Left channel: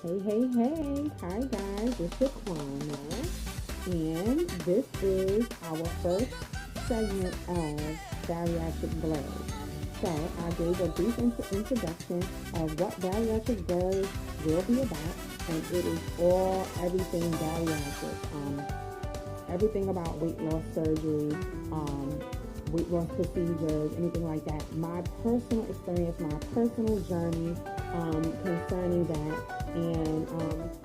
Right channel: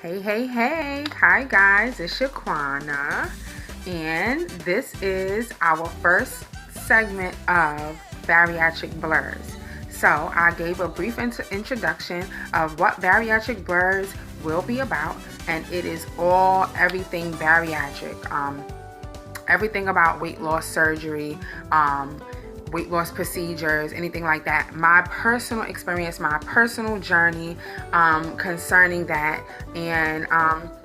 Hey. Hi, guys. It's Shaquana. And this is our first segment of Bariatric Blurbs. So, I gave a brief introduction of what Bariatric Blurbs will be about, and it is everything bariatric. Everything about weight loss surgery, weight loss procedures, anything like that. My personal experience, my personal journey concerning that. And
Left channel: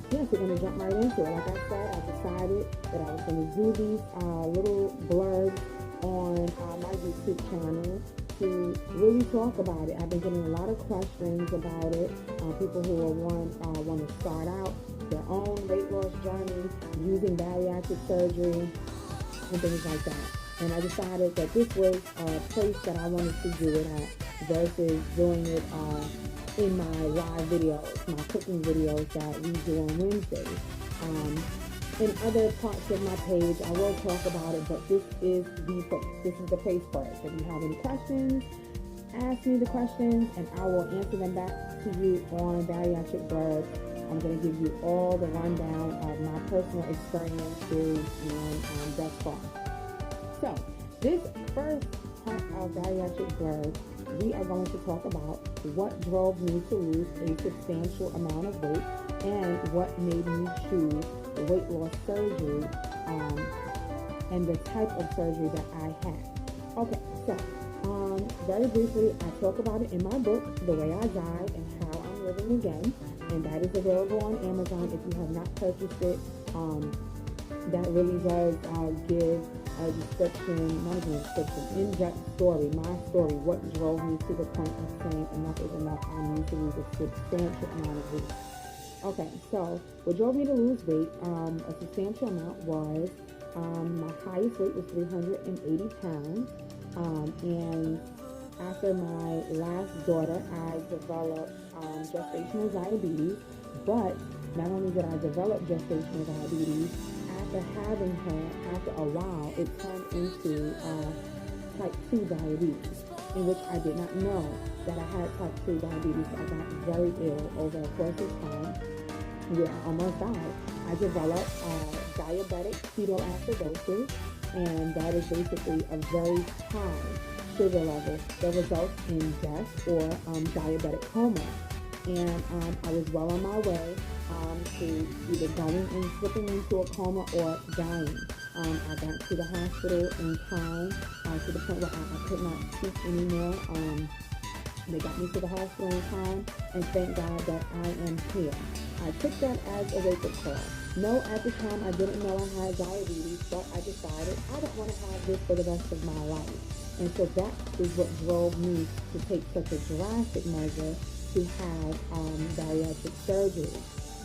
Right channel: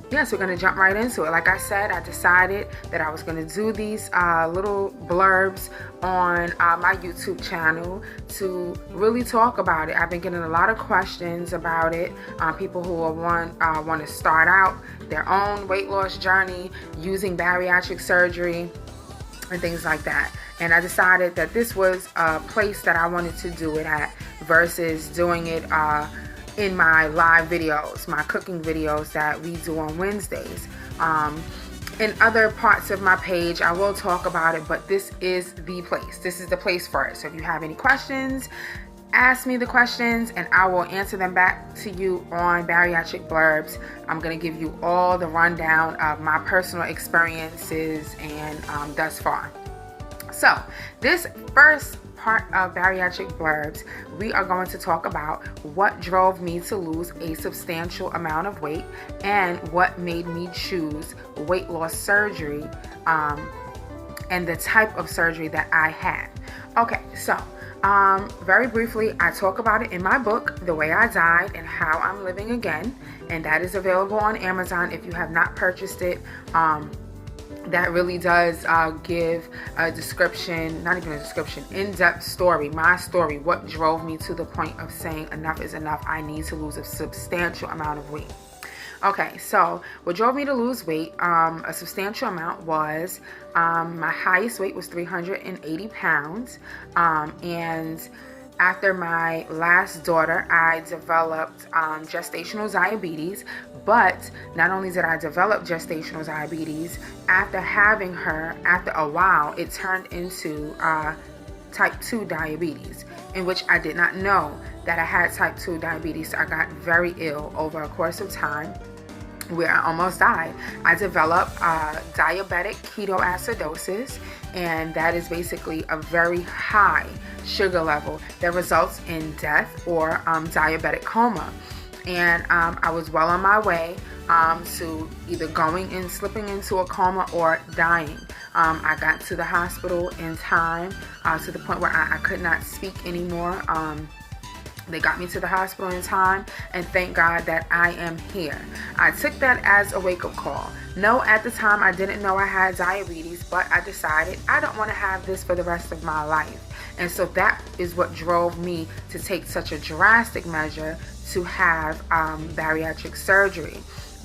yes, we're going to jump right into it. Like I said, I decided that I was going to do these little blurbs on my YouTube channel to really talk about it. I've been getting a lot of questions about it. People who want to start out their own weight loss journey using bariatric surgery and things like that. And I decided that this was a place that I wanted to do it at versus doing it in my live videos, my cooking videos that we do on Wednesdays. In other parts of my page, I will talk about it, but this is the place. This is the place for it. So if you have any questions, ask me the questions and I will answer them back to you on Bariatric Blurbs. I'm going to give you all the rundown of my personal experiences and thus far. So, this first part of Bariatric Blurbs, we are going to talk about what drove me to lose a substantial amount of weight and what made me choose weight loss surgery and the type of surgery that I had. Okay, so very briefly, I talk about it in my book, The Way I Died and How I'm Living Again, and that is available on Amazon if you have not purchased it. That really does give a description, not even a description, in-depth story, my story, what drove me to the point of saying enough is enough, I need to lose a substantial amount of weight. Okay, so what drove me to lose weight, a substantial amount was, my highest weight was 380 pounds, and after my last daughter, I developed gestational diabetes, but not only did I develop gestational diabetes, after having her, after a while, it turned into type 2 diabetes, in which I did not know that I had type 2 diabetes. So I got very ill over a course of time where I almost died. I developed diabetic ketoacidosis, and that is basically a very high sugar level that results in death or diabetic coma. And I was well on my way to either slipping into a coma or dying. I got to the hospital in time to the point where I could not speak anymore. They got me to the hospital in time, and thank God that I am here. I took that as a wake-up call. No, at the time I didn't know I had diabetes, but I decided I don't want to have this for the rest of my life. And so that is what drove me to take such a drastic measure to have bariatric surgery.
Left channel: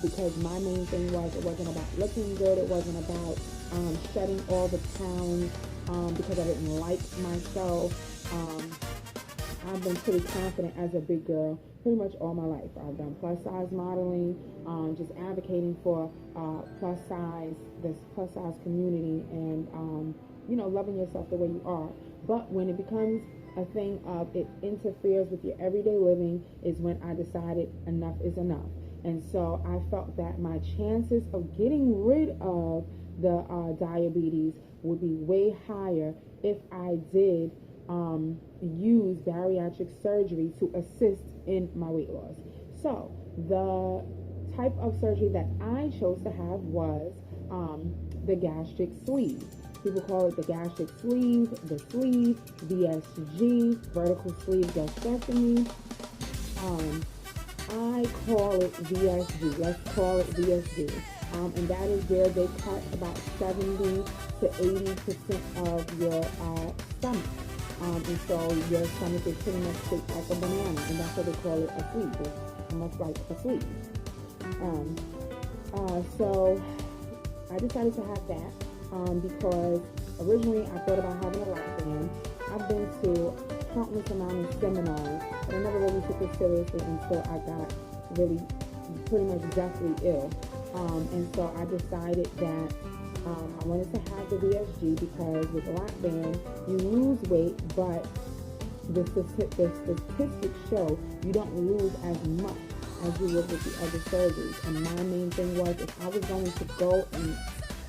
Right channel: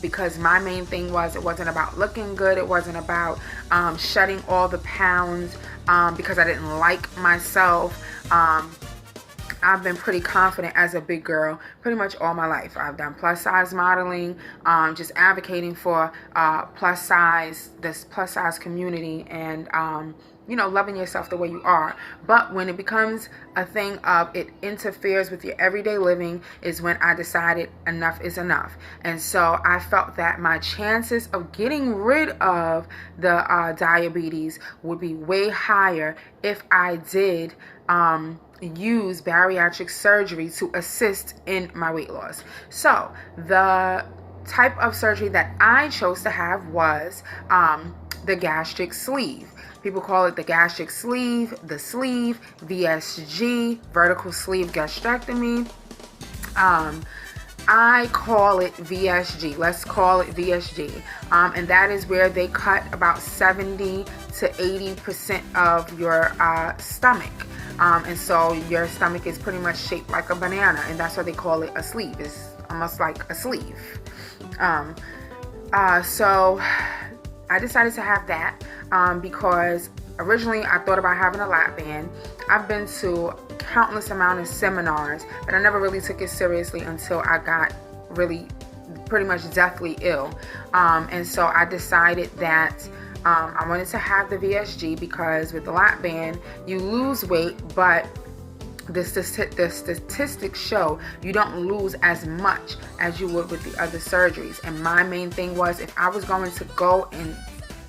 Because my main thing was, it wasn't about looking good, it wasn't about shedding all the pounds because I didn't like myself. I've been pretty confident as a big girl pretty much all my life. I've done plus size modeling, just advocating for this plus size community, and loving yourself the way you are. But when it becomes a thing of it interferes with your everyday living is when I decided enough is enough. And so I felt that my chances of getting rid of the diabetes would be way higher if I did use bariatric surgery to assist in my weight loss. So the type of surgery that I chose to have was the gastric sleeve. People call it the gastric sleeve, the sleeve, VSG, vertical sleeve gastrectomy. I call it VSG. Let's call it VSG. And that is where they cut about 70 to 80% of your stomach. And so your stomach is pretty much shaped like a banana, and that's why they call it a sleeve. It's almost like a sleeve. So I decided to have that because originally I thought about having a lap band. I've been to countless amount of seminars, but I never really took it seriously until I got really pretty much deathly ill. And so I decided that I wanted to have the VSG because with the lap band, you lose weight, but the statistics show you don't lose as much as you would with the other surgeries. And my main thing was, if I was going to go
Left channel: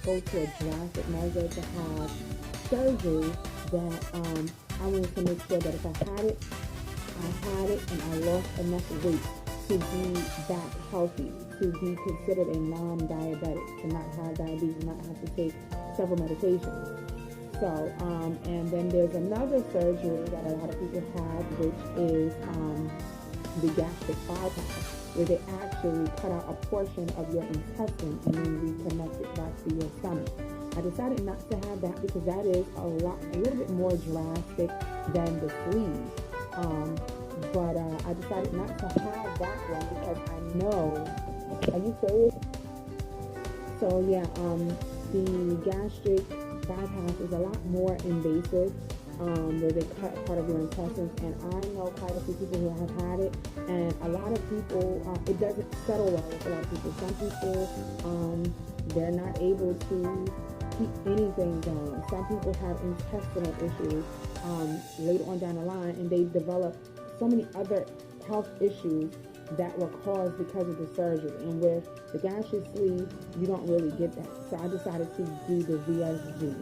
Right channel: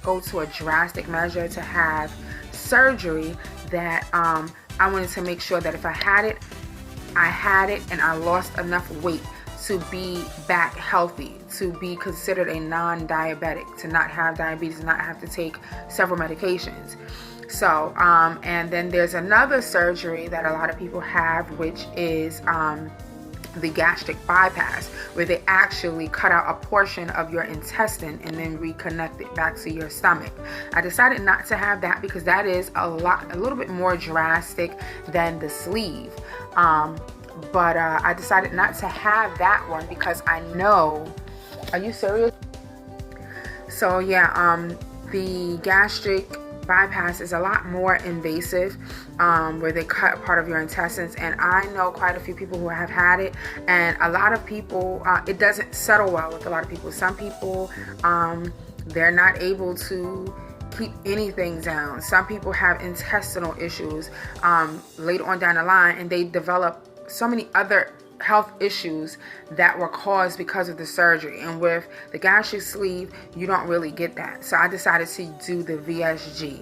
to a drastic measure to have surgery, that I wanted to make sure that if I had it, and I lost enough weight to be back healthy, to be considered a non-diabetic, to not have diabetes, not have to take several medications. So, and then there's another surgery that a lot of people have, which is the gastric bypass, where they actually cut out a portion of your intestine and then reconnect it back to your stomach. I decided not to have that because that is a little bit more drastic than the sleeve. But I decided not to have that one because I know. Are you serious? So yeah, the gastric bypass is a lot more invasive, where they cut part of your intestines, and I know quite a few people who have had it, and a lot of people, it doesn't settle well with a lot of people. Some people, they're not able to keep anything down. Some people have intestinal issues later on down the line, and they develop so many other health issues that were caused because of the surgery. And with the gastric sleeve, you don't really get that. So I decided to do the VSG.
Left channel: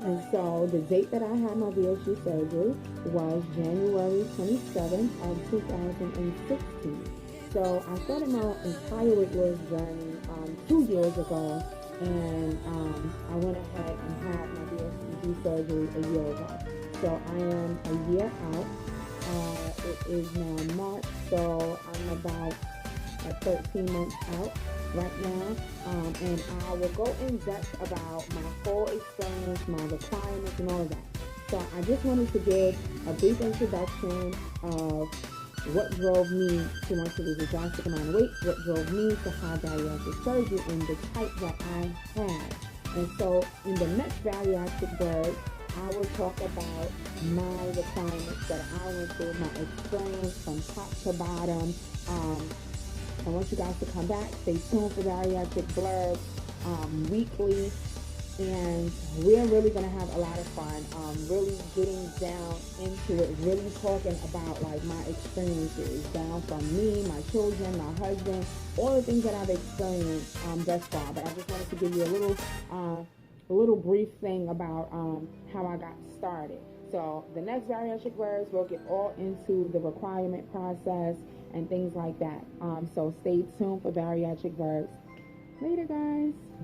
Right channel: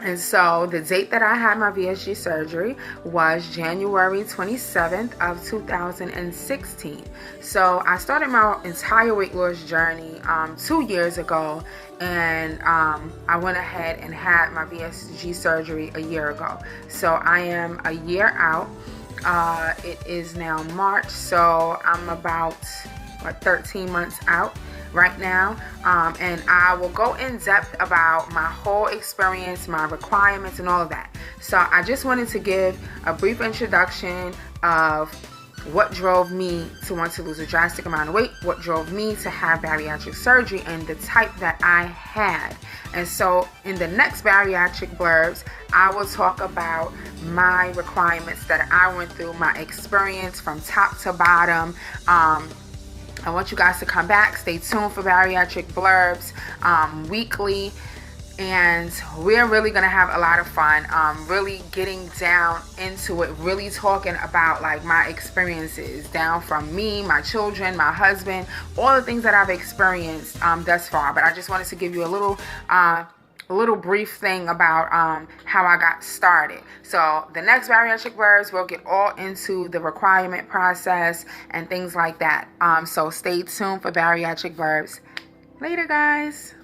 And so the date that I had my VSG surgery was January 27th of 2016. So I started my entire weight loss journey 2 years ago, and I went ahead and had my VSG surgery a year ago. So I am a year out. It is now March, so I'm about 13 months out right now, and I will go in depth about my whole experience, my requirements, and all of that. So I just wanted to give a brief introduction of what drove me to want to lose a drastic amount of weight, what drove me to have bariatric surgery, and the type that I had. And so in the next Bariatric Blurbs, I will talk about my requirements that I went through, my experience from top to bottom. I want you guys to come back. Stay tuned for Bariatric Blurbs weekly. And we're really going to have a lot of fun, really getting down into it, really talking about like my experiences, down from me, my children, my husband, all the things that I've experienced thus far. But I just wanted to give you a little brief thing about how I got started. So the next Bariatric Blurbs, we'll get all into the requirement process and things like that. So stay tuned for Bariatric Blurbs. Later, guys.